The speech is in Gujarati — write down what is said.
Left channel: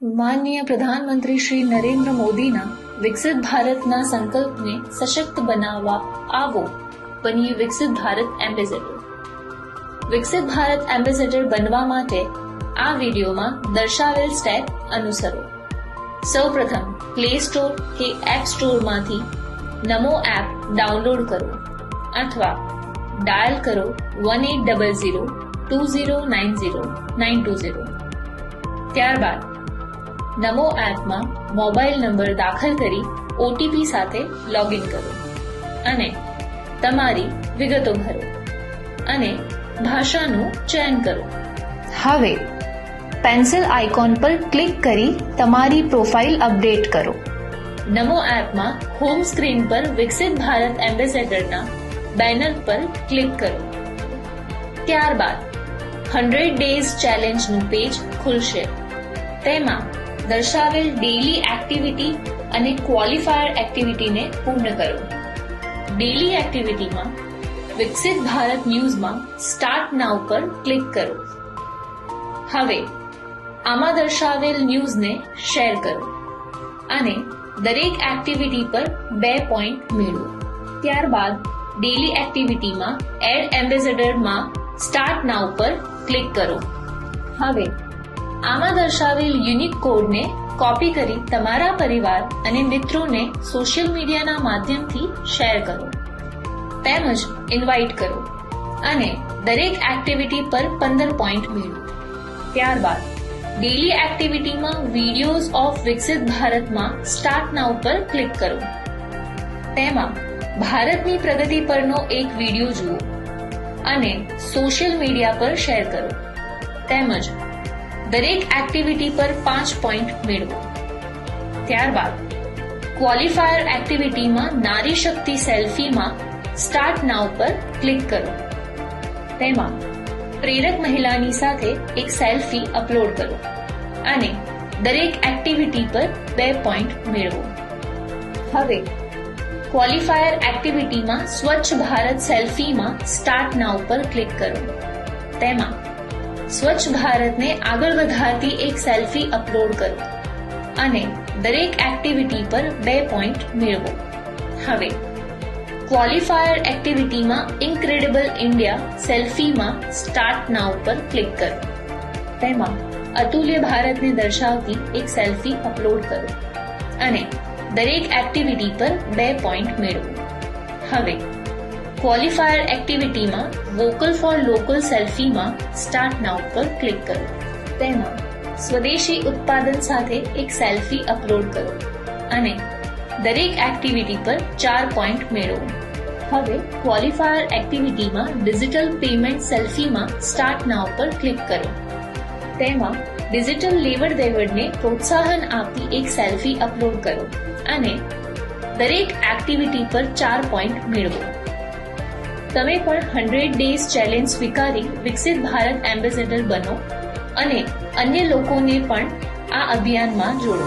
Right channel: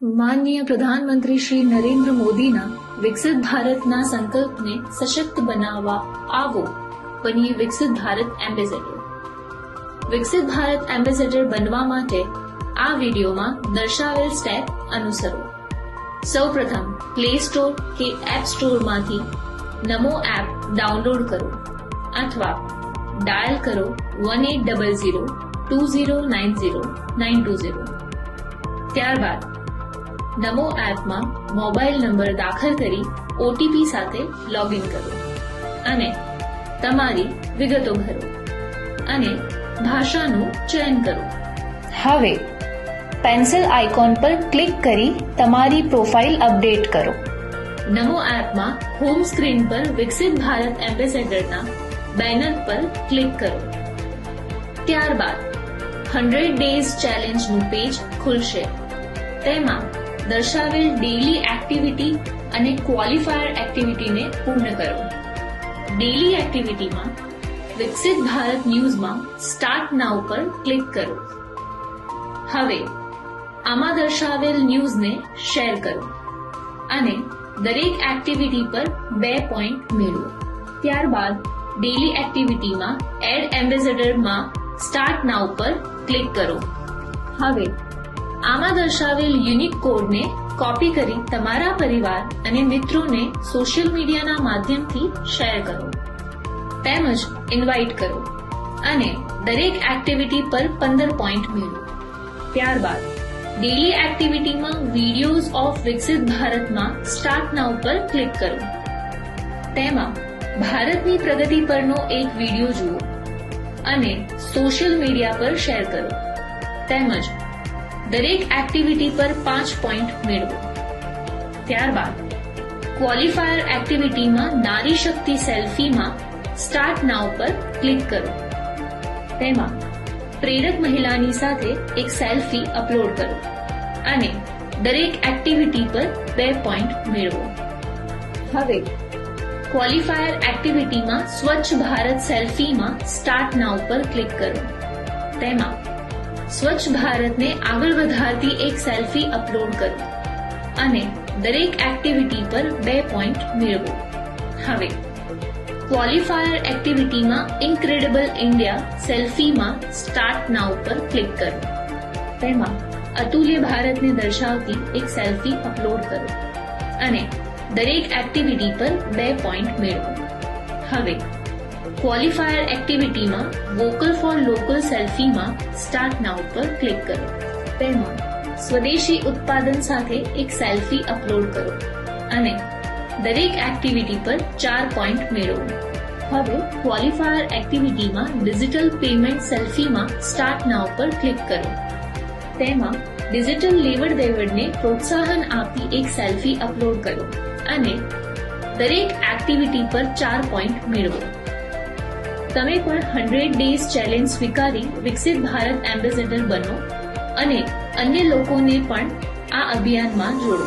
માનનીય પ્રધાનમંત્રી શ્રી નરેન્દ્ર મોદીના વિકસિત ભારતના સંકલ્પને સશક્ત બનાવવા આવો બનીએ વિકસિત ભારત એમ્બેસેડર. વિકસિત ભારત એમ્બેસેડર બનવા માટે આ વિડીયોમાં દર્શાવેલ સ્ટેપ અનુસરો. સૌપ્રથમ પ્લે સ્ટોર કે એપ સ્ટોરમાંથી નમો એપ ડાઉનલોડ કરો અથવા ડાયલ કરો 1800-2090-920. ત્યારબાદ નમો એપમાં મોબાઈલ નંબર દાખલ કરી ઓટીપી સાથે લોગિન કરો અને તમારી વિગતો ભરો અને ભાષાનું ચયન કરો. હવે પેન્સિલ આઇકોન પર ક્લિક કરી તમારી પ્રોફાઇલ અપડેટ કરો. નમો એપમાં હોમ સ્ક્રીન પર વિકસિત ભારત એમ્બેસેડરના બેનર પર ક્લિક કરો. ત્યારબાદ 100 ડેઝ ચેલેન્જનું પેજ ખુલશે. તેમાં દર્શાવેલ ડેઇલી એક્ટિવિટી અને ક્વોલિફાયર એક્ટિવિટીને પૂર્ણ કરો. ડેઇલી એક્ટિવિટીમાં વિકસિત ભારત ન્યૂઝમાં સ્ટાર્ટ નાઉ પર ક્લિક કરો. હવે આમાં દર્શાવેલ ન્યૂઝને શેર કરો અને દરેક એક્ટિવિટી પર 2 પોઈન્ટ મેળવો. ત્યારબાદ ડેઇલી એક્ટિવિટીમાં એડ એમ્બેસેડરમાં સ્ટાર્ટ નાઉ પર ક્લિક કરો. હવે આમાં દર્શાવેલ યુનિક કોડને કોપી કરી તમારા પરિવાર અને મિત્રોને સોશિયલ મીડિયાના માધ્યમથી શેર કરો તેમજ ઇન્વાઇટ કરો અને દરેક એક્ટિવિટી પર 15 પોઈન્ટ મેળવો. ત્યારબાદ ડેઇલી એક્ટિવિટીમાં વિડીયોઝ ઓફ વિકસિત ભારતમાં સ્ટાર્ટ નાઉ પર ક્લિક કરો. તેમાં ભારતની પ્રગતિ પરનો એક વિડીયો જુઓ અને સોશિયલ મીડિયા પર શેર કરો તેમજ દરેક એક્ટિવિટી પર 5 પોઈન્ટ મેળવો. ત્યારબાદ ક્વોલિફાયર એક્ટિવિટીમાં નારી શક્તિ સેલ્ફીમાં સ્ટાર્ટ નાઉ પર ક્લિક કરો. તેમાં પ્રેરક મહિલાની સાથે એક સેલ્ફી અપલોડ કરો અને દરેક એક્ટિવિટી પર 2 પોઈન્ટ મેળવો. હવે ક્વોલિફાયર એક્ટિવિટીમાં સ્વચ્છ ભારત સેલ્ફીમાં સ્ટાર્ટ નાઉ પર ક્લિક કરો. તેમાં સ્વચ્છ ભારતને આગળ વધારતી એક સેલ્ફી અપલોડ કરો અને દરેક એક્ટિવિટી પર 2 પોઈન્ટ મેળવો. હવે qualifier એક્ટિવિટીમાં incredible India સેલ્ફીમાં start now પર ક્લિક કરો. તેમાં અતુલ્ય ભારતને દર્શાવતી એક સેલ્ફી અપલોડ કરો અને દરેક એક્ટિવિટી પર 2 પોઈન્ટ મેળવો. હવે ક્વોલિફાયર એક્ટિવિટીમાં વોકલ ફોર લોકલ સેલ્ફીમાં સ્ટાર્ટ નાઉ પર ક્લિક કરો. તેમાં સ્વદેશી ઉત્પાદન સાથે એક સેલ્ફી અપલોડ કરો અને દરેક એક્ટિવિટી પર 4 પોઈન્ટ મેળવો. હવે qualifier એક્ટિવિટીમાં digital payment સેલ્ફીમાં start now પર ક્લિક કરો. તેમાં ડિજિટલ લેવડ દેવડને પ્રોત્સાહન આપતી એક સેલ્ફી અપલોડ કરો અને દરેક એક્ટિવિટી પર 4 પોઈન્ટ મેળવો. તમે પણ 100 ડેઝ ચેલેન્જ સ્વીકારી વિકસિત ભારત એમ્બેસેડર બનો અને અન્ય લોકોને પણ આ અભિયાનમાં જોડો.